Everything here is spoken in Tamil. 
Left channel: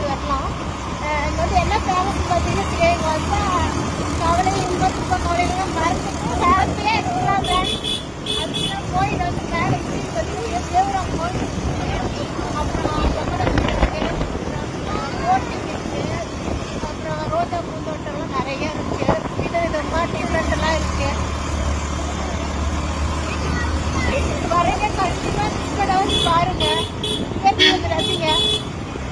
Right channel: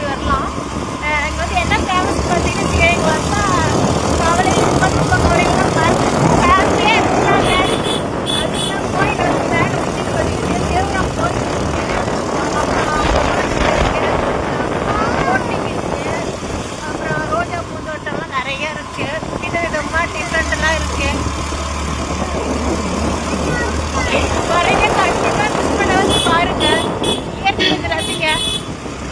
பார்த்துட்டு வரலாம். இங்கே வந்து என்ன ஃபேமஸ் பார்த்தீங்கன்னா இங்கே வந்தால் கவலை இன்பம் துன்பம் கவலைகள்லாம் மறந்து ஹாப்பியாக இருக்கலாங்க. அதுக்கெல்லாம் கோயில் வந்து மேலே சுற்றிட்டு பார்த்தீங்கன்னா தேவராம் கோயில் அப்புறம் போட்டிங் இருக்குது. அப்புறம் ரோஜா பூந்தோட்டம்லாம் நிறைய இருக்குது. விதவிதமாக டிஃப்ரெண்ட்டெல்லாம் இருக்குது. வரீங்க கண்டிப்பாக மிஸ் பண்ண வந்து பாருங்கள். இயற்கை வந்து ரசிங்க.